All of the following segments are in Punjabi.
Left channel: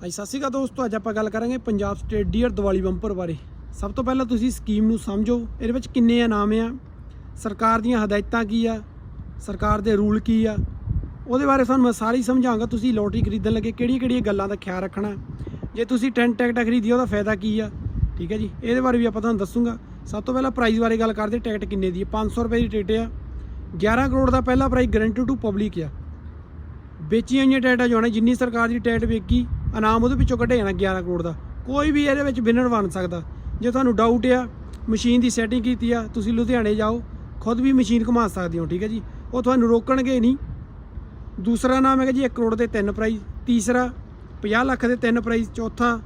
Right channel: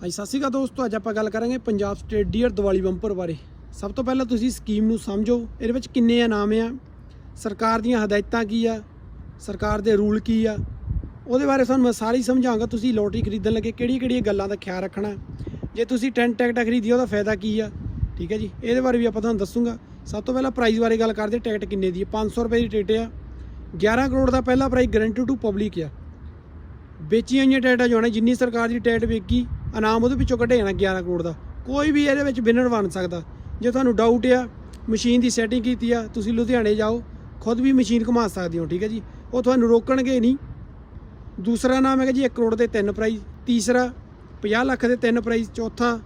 ਹਾਂਜੀ, ਸਤਿ ਸ਼੍ਰੀ ਅਕਾਲ ਦੋਸਤੋ ਅੱਜ ਆਪਾਂ ਗੱਲ ਕਰਾਂਗੇ Punjab state dear Diwali bumper ਬਾਰੇ। ਸਭ ਤੋਂ ਪਹਿਲਾਂ ਤੁਸੀਂ ਸਕੀਮ ਨੂੰ ਸਮਝੋ ਇਹਦੇ ਵਿੱਚ ਕਿੰਨੇ ਇਨਾਮ ਆ ਸਰਕਾਰ ਦੀਆਂ ਹਦਾਇਤਾਂ ਕੀ ਆ ਸਰਕਾਰ ਦੇ ਰੂਲ ਕੀ ਆ ਉਹਦੇ ਬਾਰੇ ਤੁਹਾਨੂੰ ਮੈਂ ਸਾਰੀ ਸਮਝਾਵਾਂਗਾ ਤੁਸੀਂ ਲੋਟਰੀ ਖਰੀਦਣ ਲੱਗੇ ਕਿਹੜੀ ਕਿਹੜੀਆਂ ਗੱਲਾਂ ਦਾ ਖਿਆਲ ਰੱਖਣਾ? ਜੇ ਤੁਸੀਂ 10 ਟਿਕਟਾਂ ਖਰੀਦੀ ਉਹਦਾ ਫਾਇਦਾ ਕੀ ਆ? ਠੀਕ ਹੈ ਜੀ ਇਹਦੇ ਬਾਰੇ ਵੀ ਆਪਾਂ ਤੁਹਾਨੂੰ ਦੱਸੂਗਾ। ਸਭ ਤੋਂ ਪਹਿਲਾਂ ਪ੍ਰਾਈਸ ਬਾਰੇ ਗੱਲ ਕਰਦੇ ਟਿਕਟ ਕਿੰਨੇ ਦੀ ਹੈ 500 ਰੁਪਏ ਦੀ ਟਿਕਟ ਆ। 11 ਕਰੋੜ ਦਾ ਪਹਿਲਾ ਪ੍ਰਾਈਸ ਗਰੰਟੀ ਟੂ ਪਬਲਿਕ ਆ। ਵੇਚੀਆਂ ਹੋਈਆਂ ਟਿਕਟਾਂ ਜੋ ਨੇ ਜਿੰਨੀ ਸਰਕਾਰ ਦੀ ਟਿਕਟ ਵੇਚੀ ਇਨਾਮ ਉਹਦੇ ਵਿੱਚੋਂ ਕੱਢਿਆ ਜਾਣਾ 11 ਕਰੋੜ ਦਾ। ਕੋਈ ਵੀ ਇਹਦੇ ਵਿੱਚ ਵਿਨਰ ਬਣ ਸਕਦਾ। ਜੇ ਤੁਹਾਨੂੰ ਡਾਊਟ ਆ ਮਸ਼ੀਨ ਦੀ ਸੈਟਿੰਗ ਕੀਤੀ ਆ, ਤੁਸੀਂ ਲੁਧਿਆਣੇ ਜਾਓ, ਖੁਦ ਵੀ ਮਸ਼ੀਨ ਘੁਮਾ ਸਕਦੇ ਹੋ, ਠੀਕ ਹੈ ਜੀ? ਉਹ ਤੁਹਾਨੂੰ ਰੋਕਣਗੇ ਨਹੀਂ। ਦੂਸਰਾ ਨਾਮ ਹੈਗਾ ਜੀ 1 ਕਰੋੜ ਦੇ ਤਿੰਨ ਪ੍ਰਾਈਜ਼ ਤੀਸਰਾ 50 ਲੱਖ ਦੇ ਤਿੰਨ ਪ੍ਰਾਈਜ਼ ਚੌਥਾ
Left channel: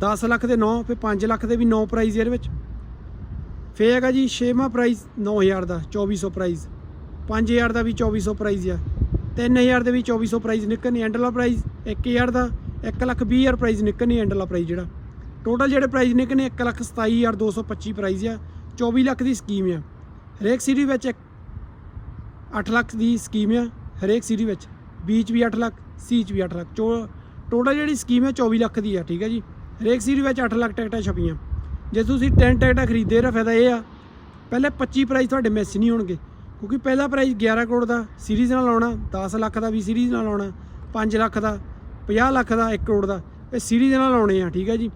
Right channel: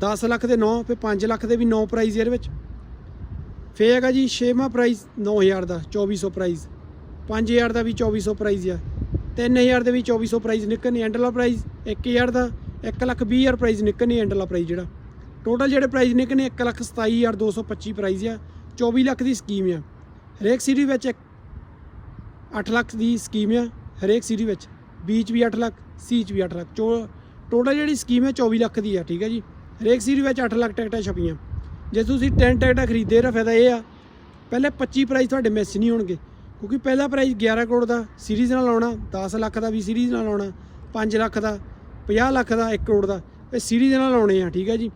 10 ਲੱਖ ਦੇ 9 ਫਿਰ 5 ਲੱਖ ਦੇ ਵੀ 9 ਪ੍ਰਾਈਜ਼ ਇਹਦੇ ਵਿੱਚ। ਫੇਰ ਹੈਗਾ ਜੀ ਛੇਵਾਂ ਪ੍ਰਾਈਜ਼ 9000 ਦਾ 2400 ਪ੍ਰਾਈਜ਼ 5000 ਦਾ ਵੀ 2400 ਪ੍ਰਾਈਜ਼ ਆ। 3000 ਦੇ ਵੀ 2400 ਪ੍ਰਾਈਜ਼ ਨਿਕਲਣੀ ਐਂਡ ਵਾਲਾ ਪ੍ਰਾਈਜ਼ 1000 ਦਾ 1 ਲੱਖ 20000 ਪ੍ਰਾਈਜ਼ ਨਿਕਲਣੀ ਐਂਡ ਪ੍ਰਾਈਜ਼ ਜਿਹੜਾ। ਟੋਟਲ ਜਿਹੜੇ ਪ੍ਰਾਈਜ਼ ਨਿਕਲਣੇ 1 ਲੱਖ 27225 ਪ੍ਰਾਈਜ਼ ਆ 24 ਲੱਖ ਦੀ ਸਕੀਮ ਆ ਹਰੇਕ ਸੀਰੀ ਵਿੱਚ 8 ਲੱਖ ਦੀ ਸਕੀਮ ਆ ਹਰੇਕ ਸੀਰੀ ਵਿੱਚ। ਬੀ 'ਚ ਵੀ 8 ਲੱਖ ਸੀ ਚ ਵੀ 8 ਲੱਖ। ਟੋਟਲ ਜਿਹੜੀ ਸਕੀਮ ਹੈ 24 ਲੱਖ ਦੀ ਆ ਠੀਕ ਹੈ ਜੀ। ਹਰੇਕ ਸੀਰੀ ਵਿੱਚ 8 ਲੱਖ ਟਿਕਟਾਂ ਛਪੀਆਂ। ਜੇ ਤੁਸੀਂ 10 ਟਿਕਟਾਂ ਖਰੀਦੇ ਨਾ ਫਾਇਦਾ ਇਹ ਆ, ਪਹਿਲੇ 25 ਪ੍ਰਾਈਜ਼ ਤੁਹਾਡੇ ਮਿਸ ਨਹੀਂ ਹੋਣਗੇ। ਕਿਉਂਕਿ ਪਹਿਲਾ ਪ੍ਰਾਈਜ਼ 11 ਕਰੋੜ ਦਾ ਸੀਰੀਜ਼ ਨਾਲ ਆਉਣਾ 10 ਲੱਖ ਦਾ ਵੀ ਸੀਰੀਜ਼ ਨਾਲ ਆਉਣਾ 5 ਲੱਖ ਦਾ। 50 ਲੱਖ ਦਾ 1 ਕਰੋੜ ਦਾ। ਇਹ ਸੀਰੀਜ਼ ਨਾਲ ਲਾਉਣੇ ਆ, ਠੀਕ ਹੈ ਜੀ?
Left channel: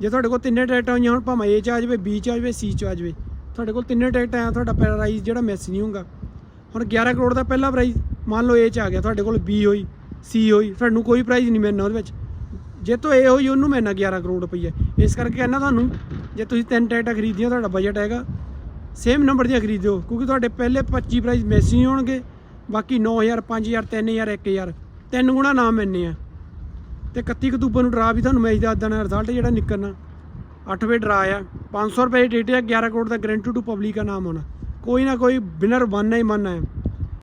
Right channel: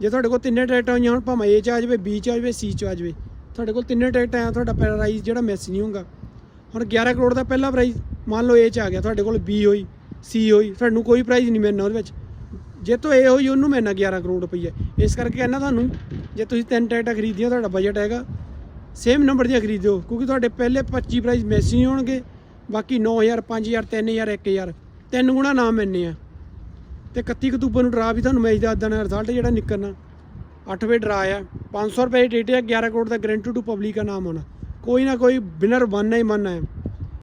ਜੇ ਤੁਹਾਡੇ ਕੋਲ ਤਿੰਨੇ ਟਿਕਟਾਂ ਹੋਈਆਂ ਹੁਣ, ਭਾਵੇਂ ਏ ਚ ਆ ਜਾਵੇ ਬੀ ਚ ਆ ਜਾਵੇ ਸੀ ਚ ਆ ਜਾਵੇ, ਤੁਹਾਡੇ ਕੋਲ ਤਿੰਨੇ ਟਿਕਟਾਂ ਆ, ਤੁਹਾਡਾ ਪ੍ਰਾਈਜ਼ ਜਿਹੜਾ ਮਿਸ ਨਹੀਂ ਹੋਊਗਾ। ਹੁਣ 11 ਕਰੋੜ ਦਾ ਪਹਿਲਾ ਪ੍ਰਾਈਜ਼ ਮੰਨ ਲਓ ਏ ਚ ਆ ਗਿਆ, ਤੁਹਾਡੇ ਕੋਲ ਬੀ ਹੋਈ ਸੀ ਹੋਈ, ਤੁਹਾਨੂੰ ਕੋਈ ਪ੍ਰਾਈਜ਼ ਨਹੀਂ ਮਿਲਣਾ ਉਹਦੇ ਵਿੱਚ। ਜੇ ਤੋਂ ਇਹ ਹੋਈ, ਉਹਨੂੰ ਮਿਲਣਾ 11 ਕਰੋੜ ਰੁਪਈਆ। ਇਸ ਕਰਕੇ ਕਹਿੰਦਾ ਤੁਹਾਨੂੰ, ਜੇ ਤੁਸੀਂ ਤਿੰਨ ਟਿਕਟਾਂ ਖਰੀਦੀਆਂ, ਤੁਹਾਡਾ ਬਜਟ ਹੈਗਾ ਸੇਮ ਨੰਬਰ ਦੀਆਂ ਖਰੀਦਿਓ ਕਿਉਂਕਿ ਤੁਹਾਡੇ ਪਹਿਲੇ 25 ਪ੍ਰਾਈਜ਼ ਮਿਸ ਨਹੀਂ ਹੋਣਗੇ, ਬਾਕੀ 9000 5000 3000 1000 ਤਿੰਨ ਗੁਣਾ ਨਾਮ ਮਿਲਨੇ ਆ। ਤੇ 31 ਅਕਤੂਬਰ ਨੂੰ ਡਰਾ ਵੀ ਤੁਹਾਨੂੰ ਮੈਚ ਦਾ ਦੇਣਾ ਰਿਜ਼ਲਟ ਜਿਹੜਾ ਨਿਕਲਣਾ। 8 ਵਜੇ ਡਰਾ ਆ 500 ਰੁਪਏ ਦੀ ਟਿਕਟ ਆ 11 ਕਰੋੜ ਦਾ ਗਰੰਟੀ ਟੂ ਪਬਲਿਕ ਦਾ ਨਾਮ ਹੋਣਾ ਕੋਈ ਨਾ ਕੋਈ ਵਿਨਰ ਬਣਨਾ ਹੀ ਬਣਨਾ ਹੈ।